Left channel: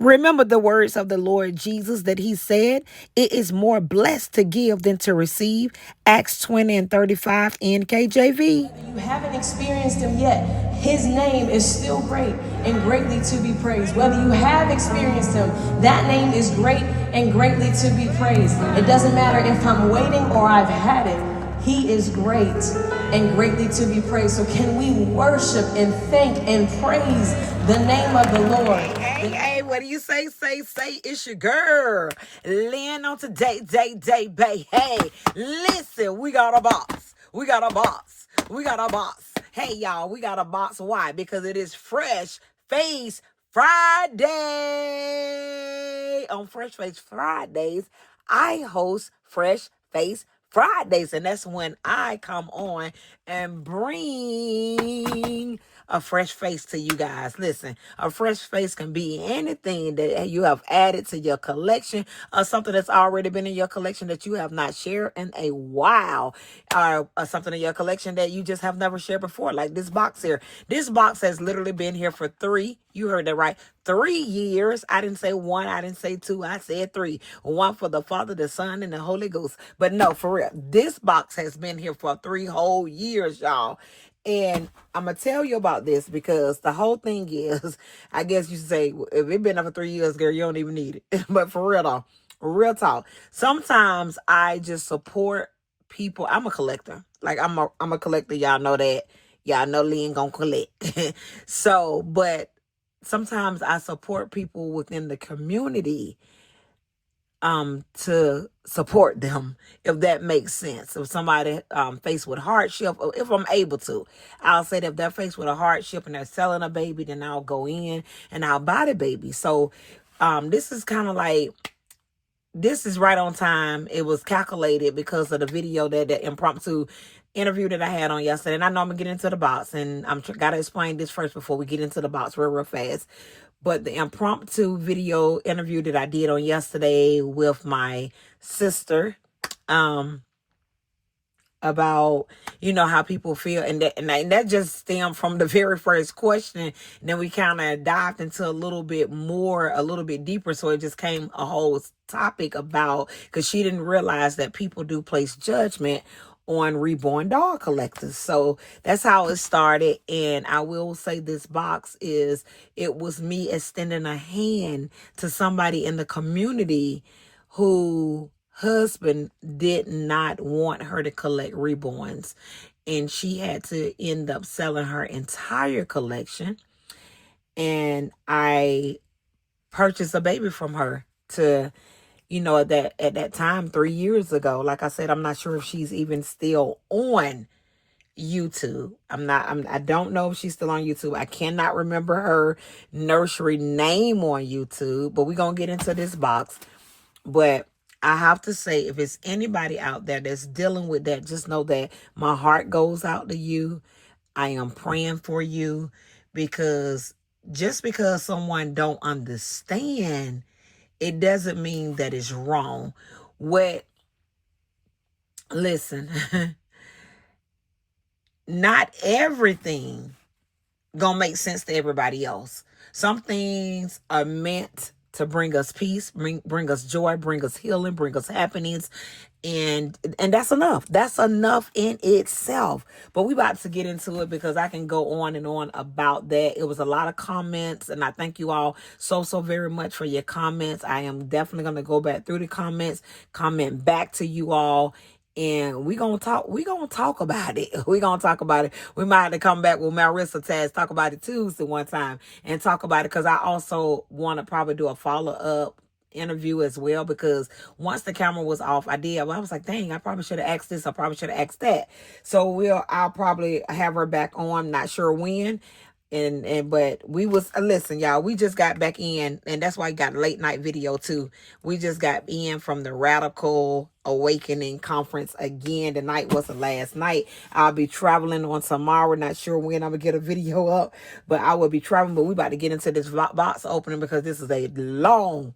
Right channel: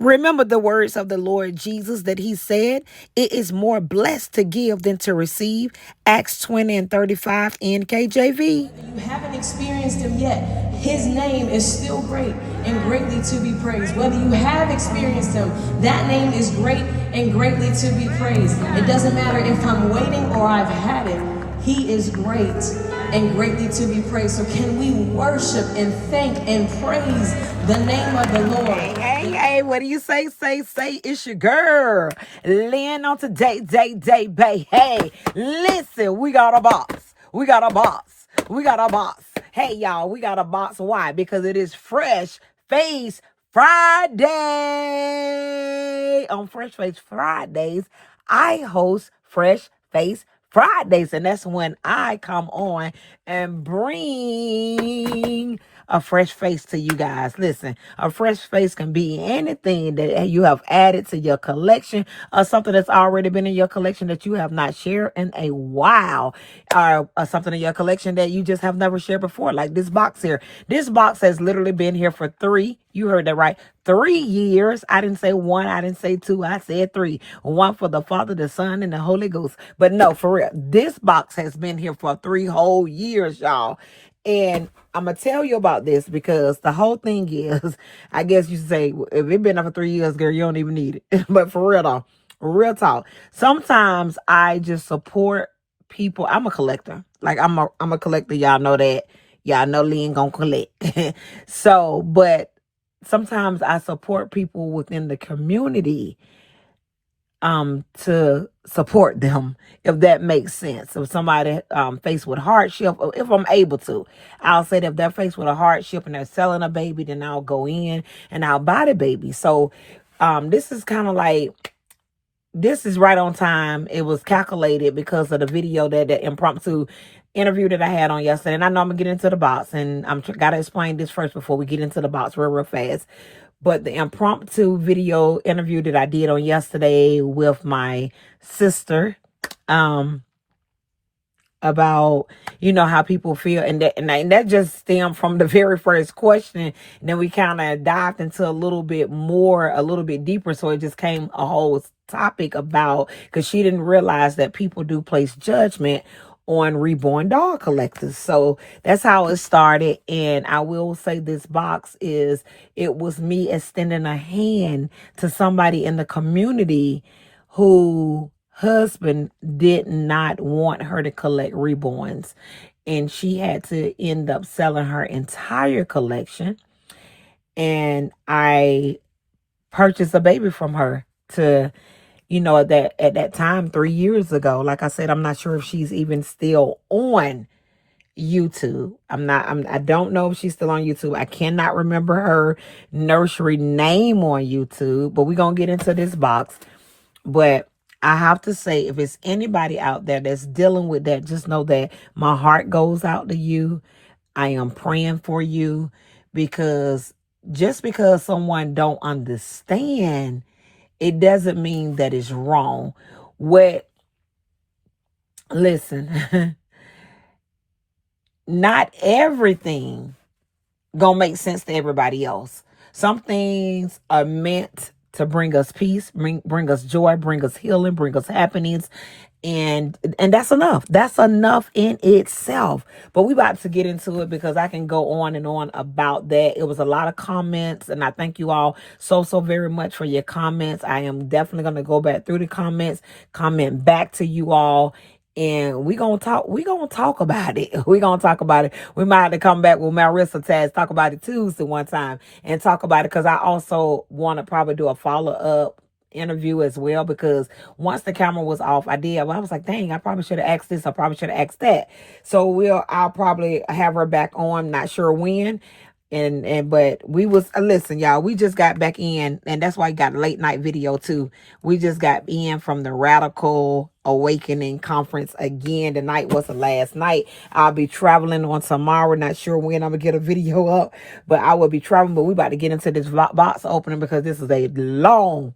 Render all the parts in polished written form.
Remember the words of the Lord Jesus that he said, it is more blessed to give than to receive. Acts 20 and 35 NKJV. You haven't experienced him yet. His name is still great and greatly to be praised. Whether you have experienced him, that name is great and greatly to be praised. It doesn't matter if I'm waiting or I've had it. He is great and greatly to be praised. So can we worship and thank and praise the name of the Lord? Hey, what do you say? Say, it's your girl. Lynn on today, babe. Hey, listen, we got a box. We got a box. We got a box. Hey, y'all, we got a box. Why? Because it is Fresh Face Friday. On Fresh Face Fridays, I host Fresh Face Fridays, and that's when I come on and bring a fresh face to you guys. Listen, a fresh face can be anything that you have added to your collection, or something that's already been in your collection that you have not shared in a while, or something in your collection that you just have never shared before, like this box here. This box has literally been here for you heard that right, 3 years. I didn't say one, I didn't say two, I said three. One for the Father, the Son, and the Holy Ghost. But no, for real, this box has been here for 3 whole years, y'all. And I'm gonna tell you about this because the whole thing is, I guess you say, if it been up for 3 years, girl, you don't even need it. But for real though, real talk, sometimes I just support people. I'm a collector. Like I'm a collector. Y'all know that. Y'all know Lynn gonna collect. So, but sometimes I support people within the community to support them, if that makes sense. If somebody faced with hardship, if I'm able to, I'll say that if they're faced with a hardship and they're selling a baby, then I'll go in and I'll buy the baby. So this is kind of like, this is right on time. It was calculated because of the video, that the impromptu interview that I had on yesterday. And I know I'm gonna get into the box, and I'm gotta explain this first before we get into the box real fast. But the impromptu video interview that I did on yesterday with my sister, about, how people feel, and that just stemmed from the very first question. And then we kind of dived into a little bit deeper, so it just came a whole topic about, because she didn't realize that people do place judgment on reborn doll collectors. So that's how it started. And I will say, this box it was me extending a hand to somebody in the community who husband did not want her to collect reborns, and she had to end up selling her entire collection. And I purchased a baby from her to, at that time, 3 years ago. Like I said, I'm not sure if she's even still on YouTube. I don't know if she's still on YouTube. I cannot remember her nursery name on YouTube, but we're gonna get into this box. But I have to say, if it's anybody out there that's dealing with that, just know that my heart goes out to you. I am praying for you, because just because someone don't understand, it doesn't mean that it's wrong. Listen, not everything gonna make sense to everybody else. Some things are meant to bring us peace, bring us joy, bring us healing, bring us happiness, and that's enough. That's enough in itself. But we about to get into it, because I can go on and on about that. It was a lot of comments, and I thank you all so very much for your comments. I am definitely going to go back through the comments, comment back to you all, and we're gonna talk about it. We're gonna talk about it. We might have to come back with Marissa Taz, talk about it Tuesday one time, and talk about it, because I also want to probably do a follow-up interview as well, because once the camera was off, I was like, dang, I probably should have asked this, I probably should have asked that. So I'll probably have her back on, not sure when. But we was, listen, y'all, we just got back in, and that's why I got a late night video too. We just got in from the Radical Awakening conference again. The night was the last night. I'll be traveling on tomorrow, not sure when I'm gonna get a video up, but I will be traveling. But we about to get into this box opening, because this is a long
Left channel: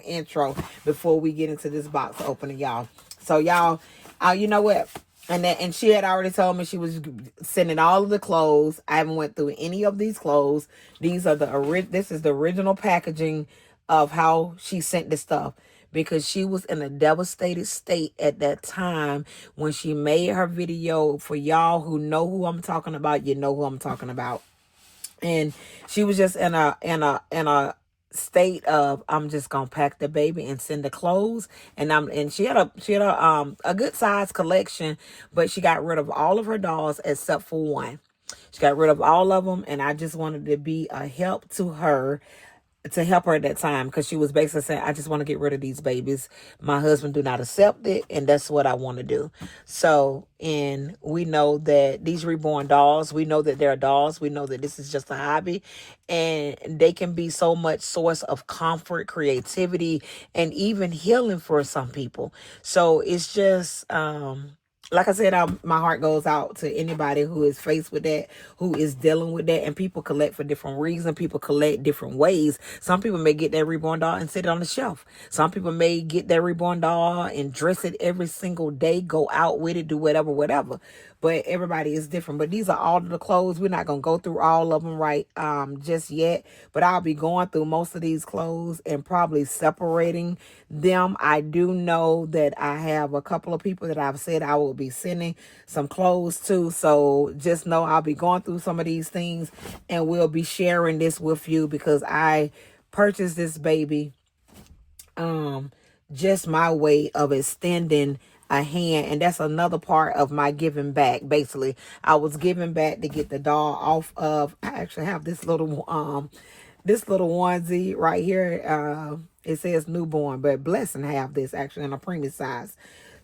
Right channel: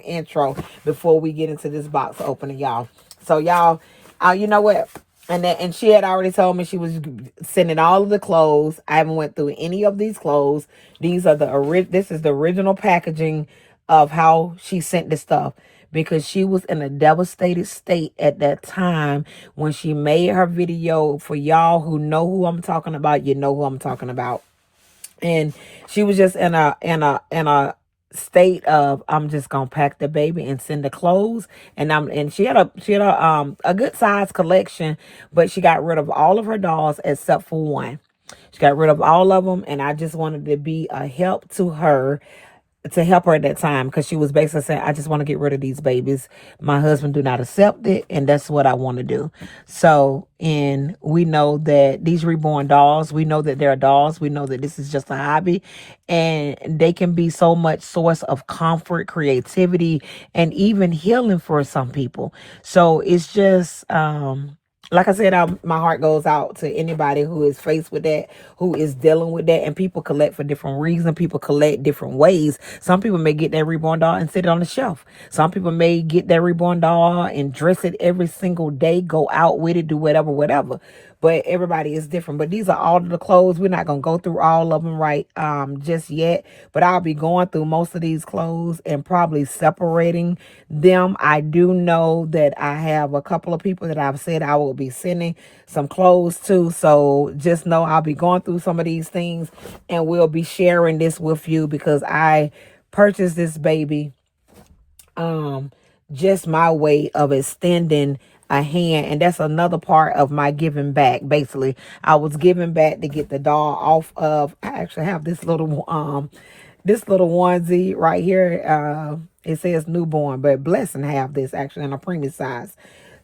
intro before we get into this box opening, y'all. So y'all, you know what? And she had already told me she was sending all of the clothes. I haven't went through any of these clothes. These are this is the original packaging of how she sent the stuff, because she was in a devastated state at that time when she made her video. For y'all who know who I'm talking about, you know who I'm talking about. And she was just in a state of, I'm just gonna pack the baby and send the clothes. And she had a good size collection, but she got rid of all of her dolls except for one. She got rid of all of them, and I just wanted to be a help to help her at that time, because she was basically saying, I just want to get rid of these babies. My husband do not accept it, and that's what I want to do. So, and we know that these reborn dolls, we know that they're dolls, we know that this is just a hobby, and they can be so much source of comfort, creativity, and even healing for some people. So it's just like I said, my heart goes out to anybody who is faced with that, who is dealing with that. And people collect for different reasons. People collect different ways. Some people may get that reborn doll and sit it on the shelf. Some people may get that reborn doll and dress it every single day, go out with it, do whatever, whatever. But everybody is different. But these are all of the clothes. We're not going to go through all of them just yet. But I'll be going through most of these clothes and probably separating them. I do know that I have a couple of people that I've said I will be sending some clothes to. So just know I'll be going through some of these things, and we'll be sharing this with you, because I purchased this baby just my way of extending a hand. And that's another part of my giving back. Basically, I was giving back to get the doll off of, I actually have this little onesie right here. It says newborn, but Blessing have this actually in a preemie size.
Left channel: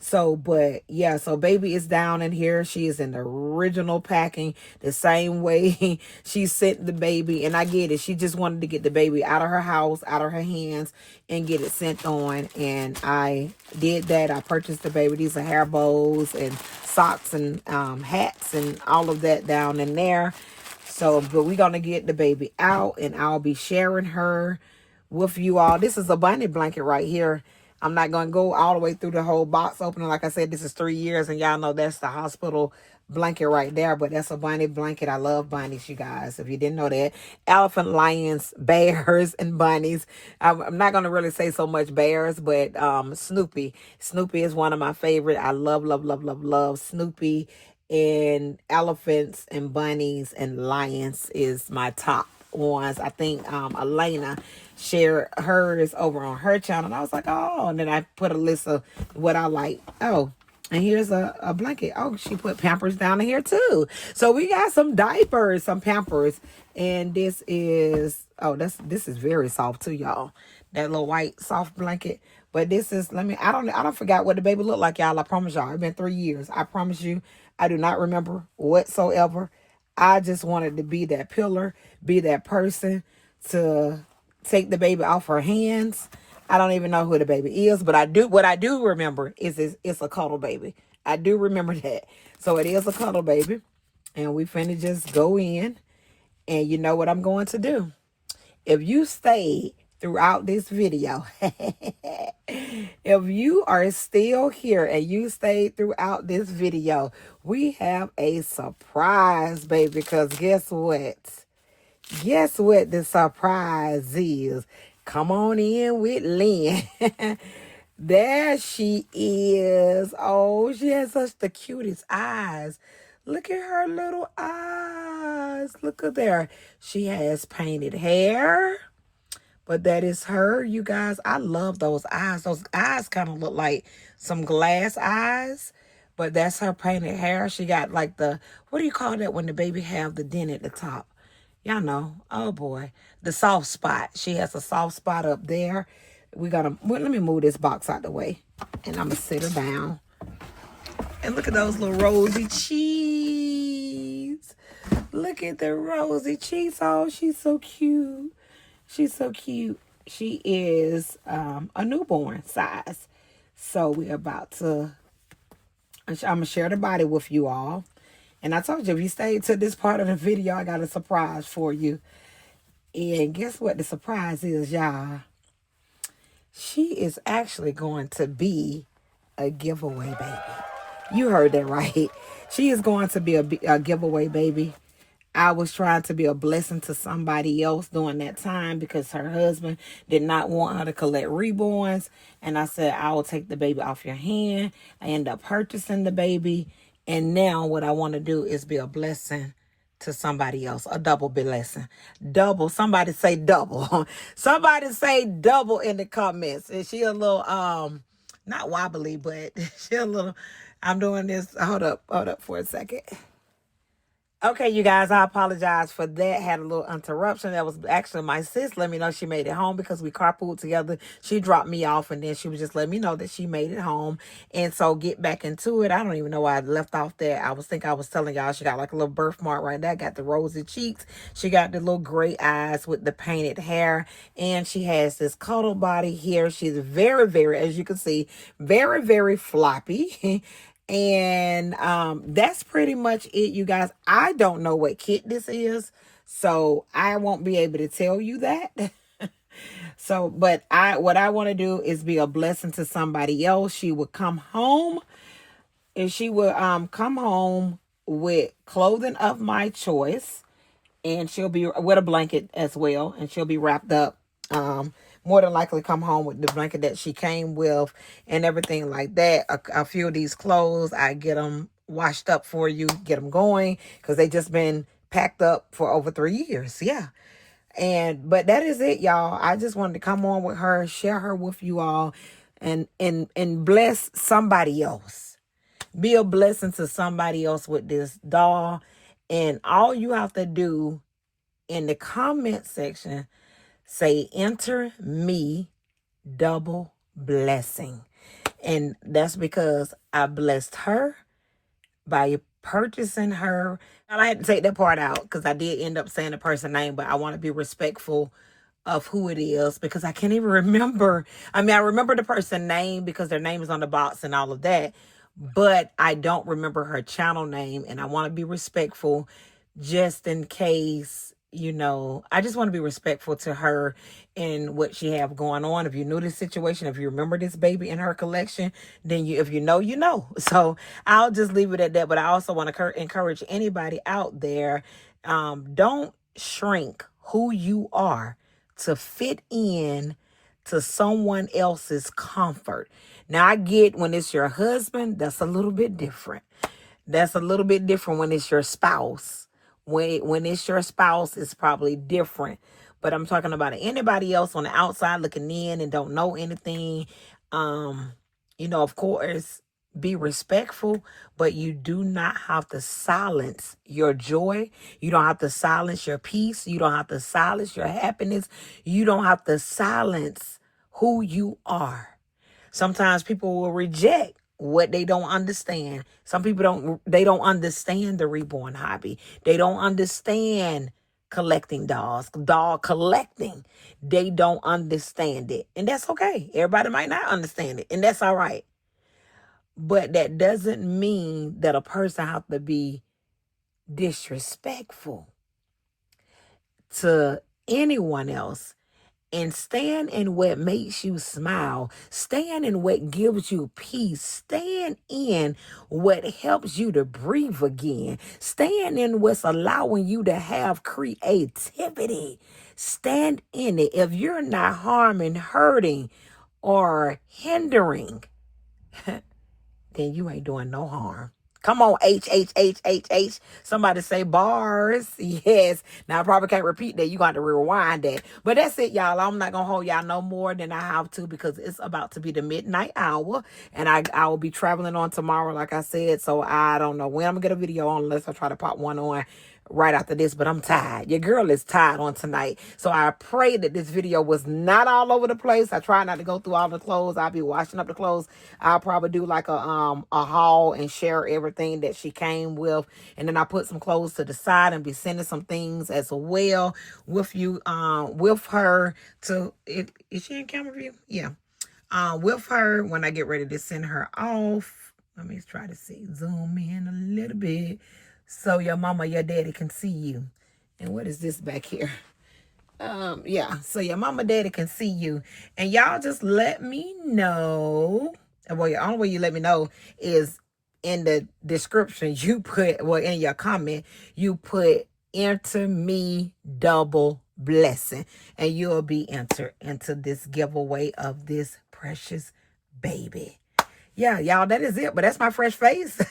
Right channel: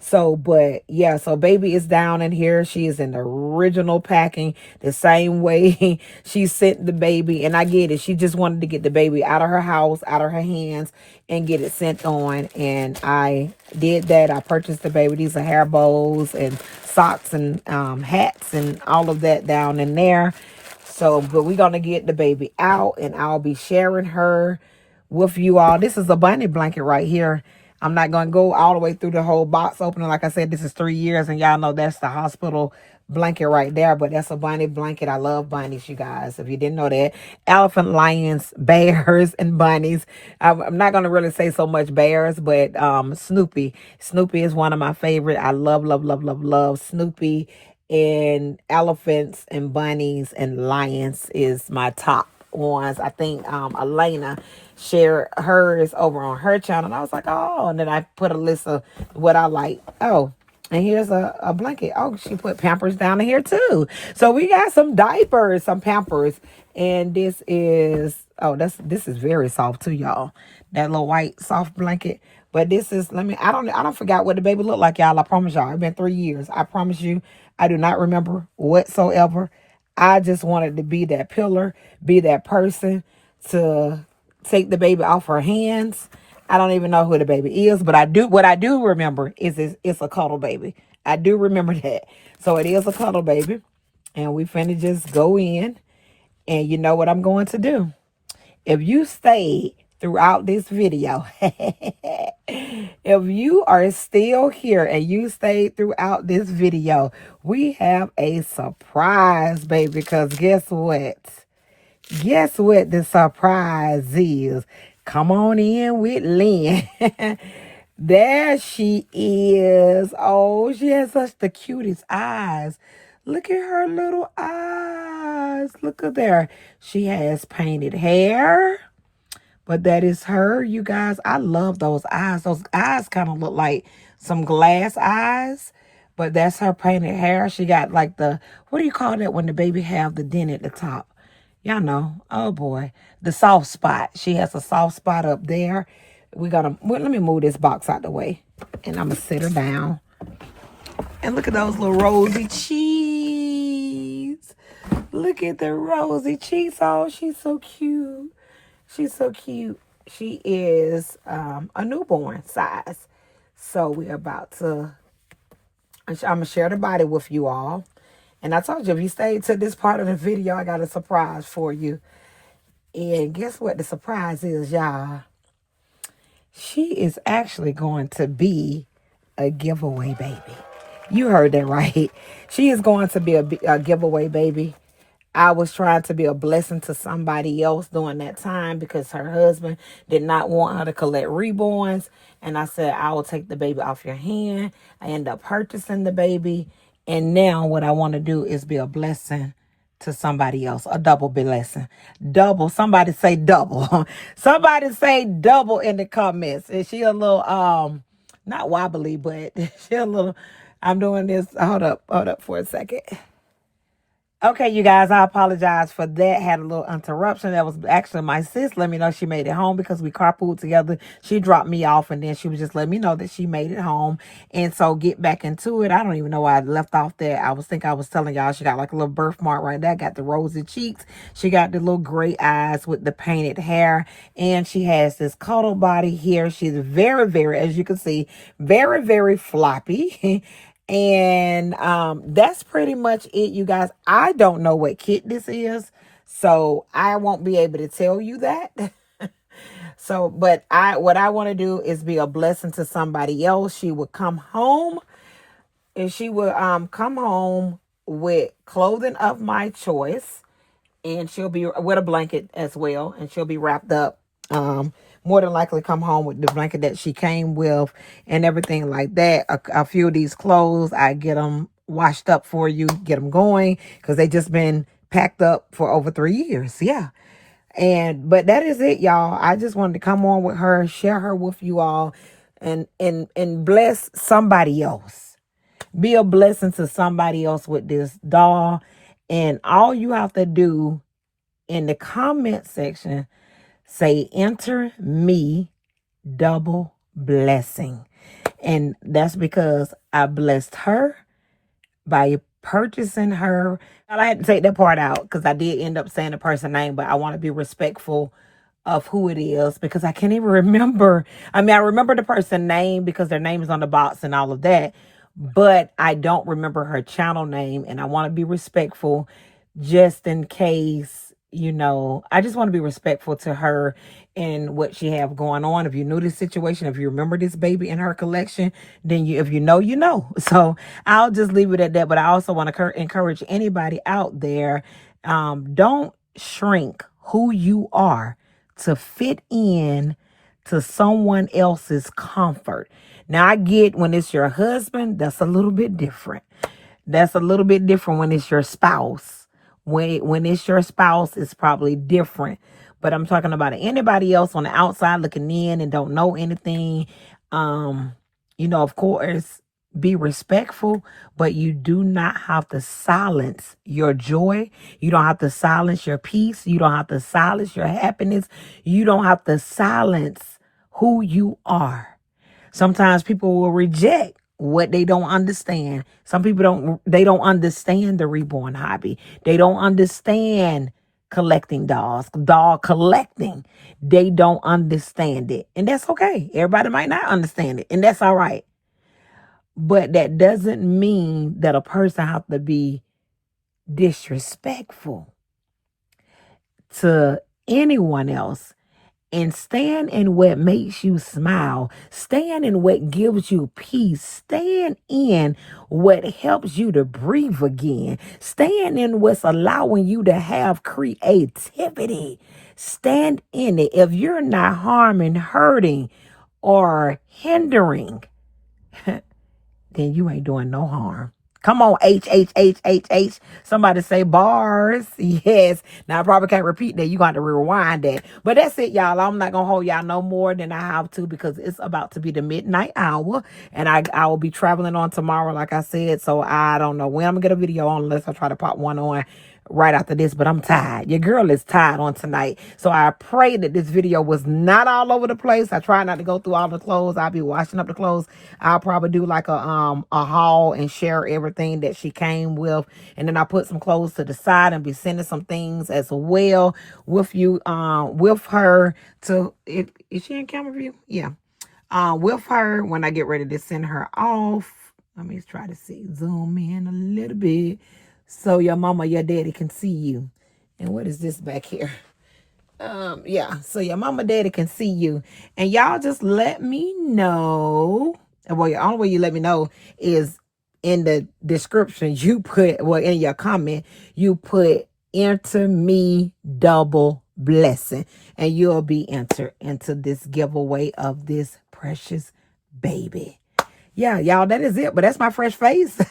So, but yeah, so baby is down in here. She is in the original packing, the same way she sent the baby. And I get it. She just wanted to get the baby out of her house, out of her hands, and get it sent on. And I did that. I purchased the baby. These are hair bows and socks and hats and all of that down in there. So, but we're going to get the baby out, and I'll be sharing her with you all. This is a bunny blanket right here. I'm not going to go all the way through the whole box opening. Like I said, this is 3 years, and y'all know that's the hospital blanket right there. But that's a bunny blanket. I love bunnies, you guys, if you didn't know that. Elephant, lions, bears, and bunnies. I'm not going to really say so much bears, but Snoopy. Snoopy is one of my favorite. I love, love, love, love, love Snoopy. And elephants and bunnies and lions is my top ones. I think Elena shared hers over on her channel, and I was like, oh, and then I put a list of what I like. Oh, and here's a blanket. Oh, she put Pampers down in here too. So we got some diapers, some Pampers, and this is, oh, this is very soft too, y'all. That little white soft blanket. But this is, I don't forget what the baby looked like, y'all. I promise y'all. It's been 3 years. I promise you, I do not remember whatsoever. I just wanted to be that pillar, be that person to take the baby off her hands. I don't even know who the baby is, but what I do remember is it's a cuddle baby. I do remember that. So it is a cuddle baby. And we finna just go in. And you know what I'm going to do? If you stayed throughout this video, if you are still here and you stayed throughout this video, we have a surprise, baby, because guess what? Guess what the surprise is? Come on in with Lynn. There she is. Oh, she has such the cutest eyes. Look at her little eyes. Look at there. She has painted hair. But that is her, you guys. I love those eyes. Those eyes kind of look like some glass eyes. But that's her painted hair. She got like what do you call that when the baby have the dent at the top? Y'all know. Oh, boy. The soft spot. She has a soft spot up there. Let me move this box out the way. And I'm going to sit her down. And look at those little rosy cheeks. Look at the rosy cheeks. Oh, she's so cute. She's so cute. She is a newborn size. So we're about to, I'm going to share the body with you all. And I told you, if you stayed to this part of the video, I got a surprise for you. And guess what the surprise is, y'all? She is actually going to be a giveaway baby. You heard that right. She is going to be a giveaway baby. I was trying to be a blessing to somebody else during that time because her husband did not want her to collect reborns. And I said, I will take the baby off your hand. I end up purchasing the baby. And now what I want to do is be a blessing to somebody else. A double blessing. Double. Somebody say double. Somebody say double in the comments. Is she a little, not wobbly, but she a little, I'm doing this. Hold up for a second. Okay, you guys, I apologize for that. Had a little interruption. That was actually my sis. Let me know she made it home because we carpooled together. She dropped me off and then she was just letting me know that she made it home. And so get back into it. I don't even know why I left off there. I was telling y'all she got like a little birthmark right there. Got the rosy cheeks. She got the little gray eyes with the painted hair. And she has this cuddle body here. She's very, very, as you can see, very, very floppy. And that's pretty much it, you guys. I don't know what kit this is, so I won't be able to tell you that. So, but what I want to do is be a blessing to somebody else. She would come home, and she would come home with clothing of my choice, and she'll be with a blanket as well, and she'll be wrapped up. More than likely come home with the blanket that she came with and everything like that. A few of these clothes, I get them washed up for you, get them going, because they just been packed up for over 3 years. Yeah. But that is it, y'all. I just wanted to come on with her, share her with you all, and bless somebody else. Be a blessing to somebody else with this doll. And all you have to do in the comment section, say, enter me double blessing. And that's because I blessed her by purchasing her. And I had to take that part out because I did end up saying the person's name, but I want to be respectful of who it is because I can't even remember. I mean, I remember the person's name because their name is on the box and all of that, but I don't remember her channel name, and I want to be respectful just in case, you know, I just want to be respectful to her and what she have going on. If you know this situation, if you remember this baby in her collection, then if you know, you know. So I'll just leave it at that. But I also want to encourage anybody out there, don't shrink who you are to fit in to someone else's comfort. Now, I get when it's your husband, that's a little bit different. That's a little bit different when it's your spouse. When it's your spouse, it's probably different. But I'm talking about anybody else on the outside looking in and don't know anything. You know, of course, be respectful, but you do not have to silence your joy. You don't have to silence your peace. You don't have to silence your happiness. You don't have to silence who you are. Sometimes people will reject what they don't understand. Some people don't understand the reborn hobby. They don't understand collecting dolls, doll collecting. They don't understand it. And that's okay. Everybody might not understand it, and that's all right. But that doesn't mean that a person has to be disrespectful to anyone else. And stand in what makes you smile. Stand in what gives you peace. Stand in what helps you to breathe again. Stand in what's allowing you to have creativity. Stand in it. If you're not harming, hurting, or hindering, then you ain't doing no harm. Come on, H, H, H, H, H. Somebody say bars. Yes. Now, I probably can't repeat that. You're going to have to rewind that. But that's it, y'all. I'm not going to hold y'all no more than I have to because it's about to be the midnight hour. And I will be traveling on tomorrow, like I said. So I don't know when I'm going to get a video on unless I try to pop one on right after this, but I'm tired. Your girl is tired on tonight. So I pray that this video was not all over the place. I try not to go through all the clothes. I'll be washing up the clothes. I'll probably do like a haul and share everything that she came with. And then I put some clothes to the side and be sending some things as well with you, with her to it. Is she in camera view? Yeah. With her when I get ready to send her off. Let me try to zoom in a little bit so your mama, your daddy can see you. And what is this back here? Yeah, so your mama, daddy can see you. And y'all just let me know. Well, the only way you let me know is in the description, you put, well, in your comment, you put enter me double blessing, and you'll be entered into this giveaway of this precious baby. Yeah, y'all, that is it. But that's my fresh face.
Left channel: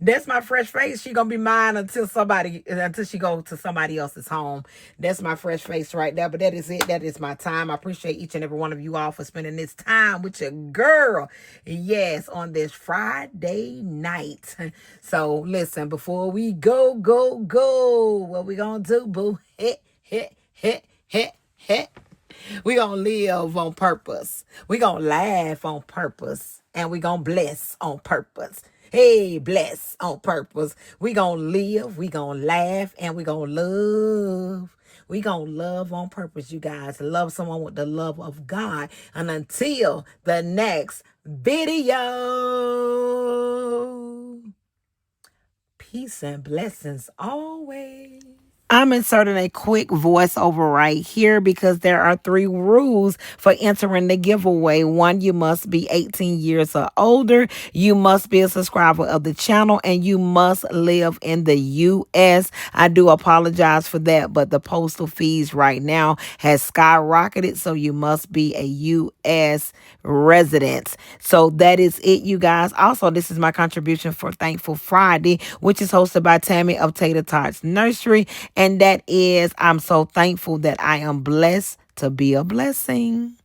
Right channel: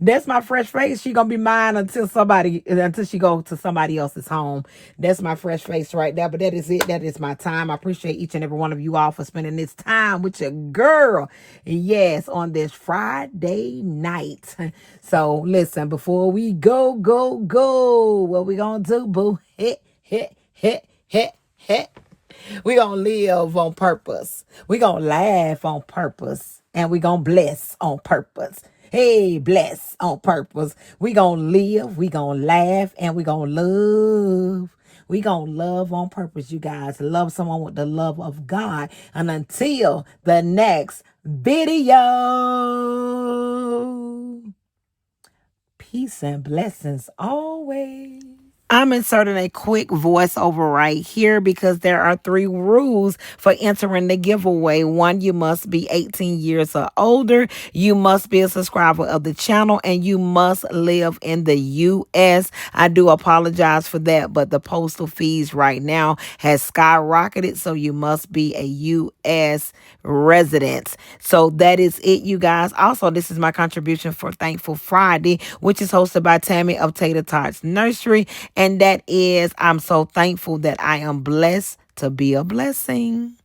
That's my fresh face. She gonna be mine until she go to somebody else's home. That's my fresh face right there. But that is it. That is my time. I appreciate each and every one of you all for spending this time with your girl. Yes, on this Friday night. So listen, before we go, what we gonna do, boo? Hit. We gonna live on purpose. We gonna laugh on purpose. And we gonna bless on purpose. Hey, bless on purpose. We gonna live, we gonna laugh, and we gonna love. We gonna love on purpose, you guys. Love someone with the love of God. And until the next video, peace and blessings always. I'm inserting a quick voiceover right here because there are 3 rules for entering the giveaway. 1, you must be 18 years or older. You must be a subscriber of the channel, and you must live in the U.S. I do apologize for that, but the postal fees right now has skyrocketed, so you must be a U.S. resident. So that is it, you guys. Also, this is my contribution for Thankful Friday, which is hosted by Tammy of Tater Tots Nursery. And that is, I'm so thankful that I am blessed to be a blessing.